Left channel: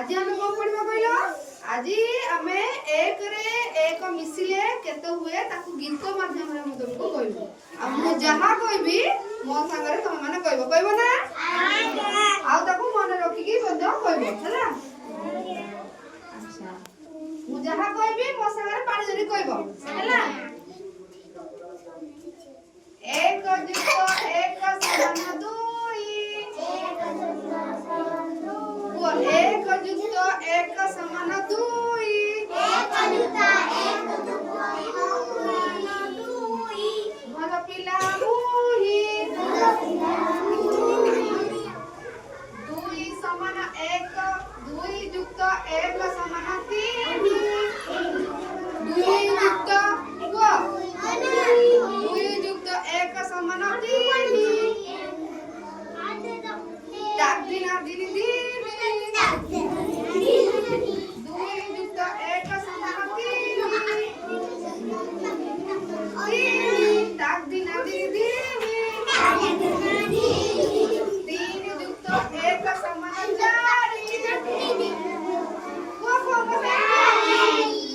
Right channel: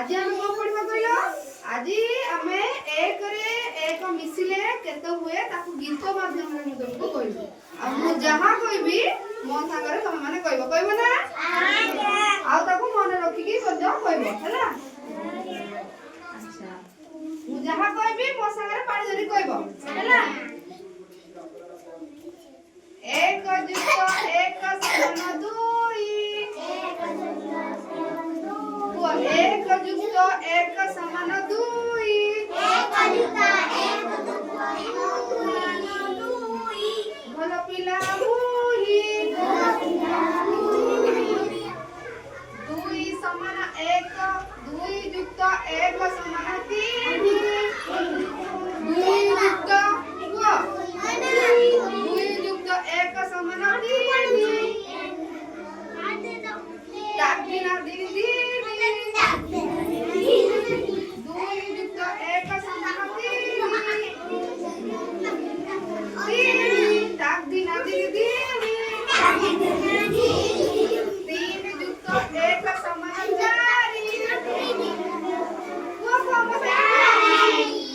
आज आम कौन पढ़ा कहल आज आम एक रे एक मिसिले केते हुए ताकू गीत माध्यम रे तुमको कहबो आ मु जहा कहबी मो संगे तुम माने कहबो ना आ ताकू मन रखी की बद्ध कहबो हैला अच्छा मु जहा कहबी मो संगे पाड़ी जरी कहबो हैला एक जुक्त एक समान दुई एक जुक्त एक समान दुई भल पिला मुही दुई समान एक दुई जुक्त एक समान तीन दुई जुक्त दुई जुक्त एक समान तीन दागिना दीदी दुई जुक्त एक समान तीन दागिना दीदी तीन जुक्त एक समान चारि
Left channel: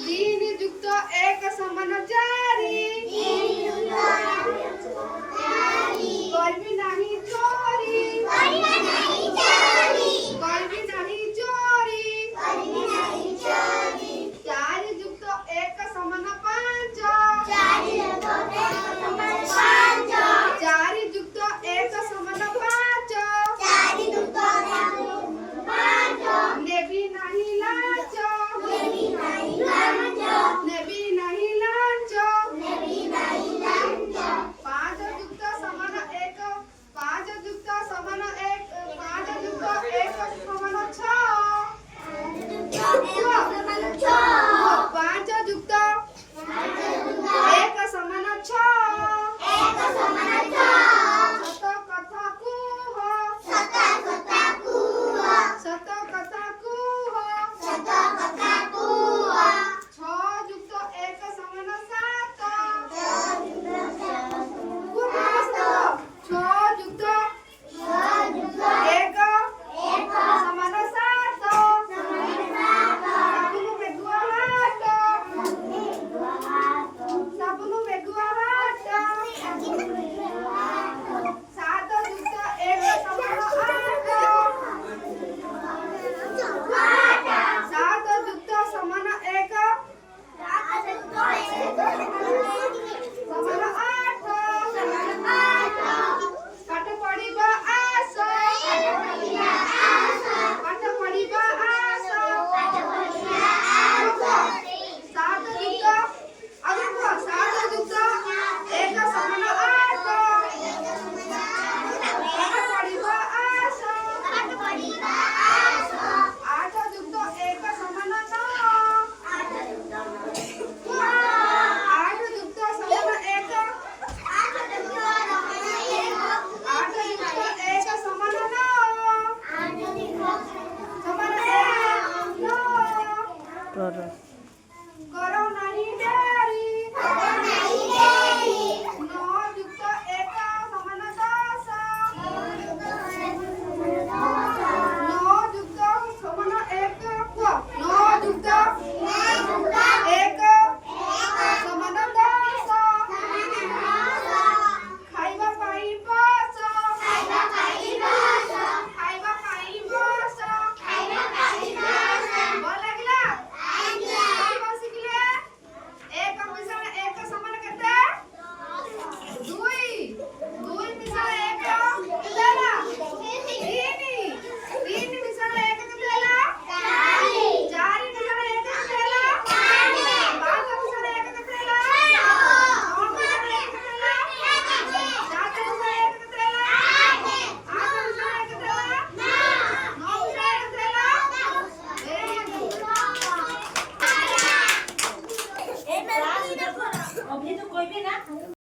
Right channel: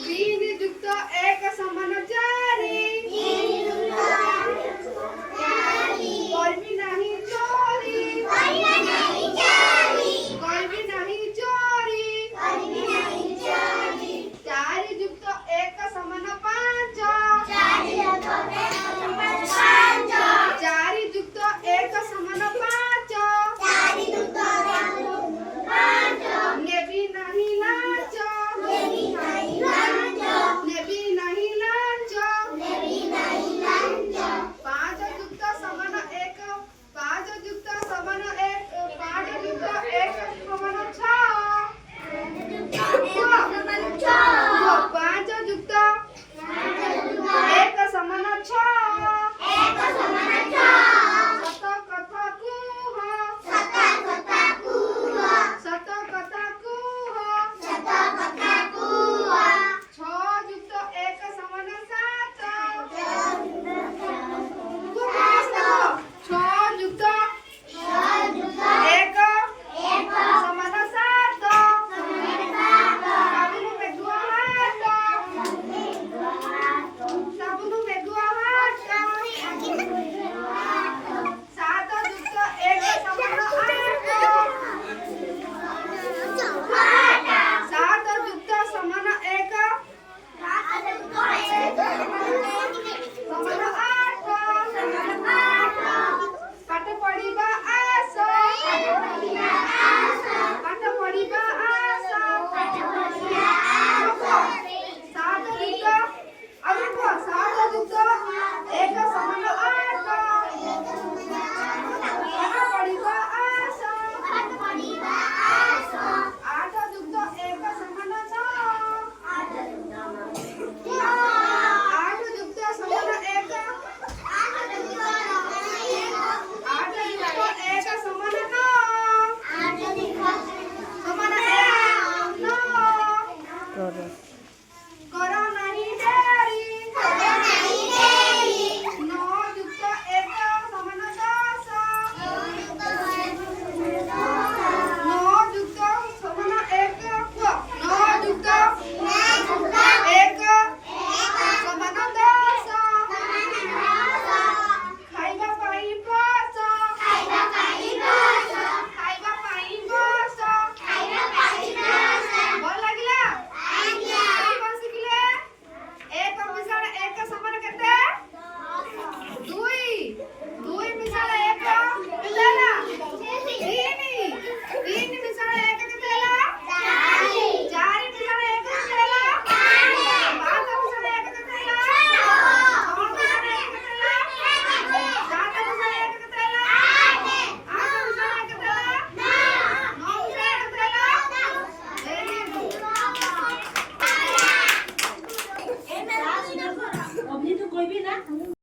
तीन जुक्त एक समान चारि करबी नहीं चोरी करबी नहीं चोरी चारि जुक्त एक समान पांच चारि जुक्त एक समान पांच नेबी नहीं लाच नेबी नहीं लाच पांच जुक्त समान एक पांच जुक्त समान एक पांच जुक्त एक समान छह पांच जुक्त एक समान छह सत कथा कुह सत कथा कुह छह जुक्त एक समान सात छह जुक्त एक समान सात साबुन मेघुआ हाट साबुन मेघुआ हाट सात जुक्त एक समान आठ सात जुक्त समान एक समान आठ पाठ पढ़िबा आस पाठ पढ़िबा आस सात जुक्त अगुको सात जुक्त एक समान आठ पाठ पढ़िबा आस आठ जुक्त एक समान नौ आठ जुक्त समान एक आठ जुक्त एक समान नौ समान एक नौ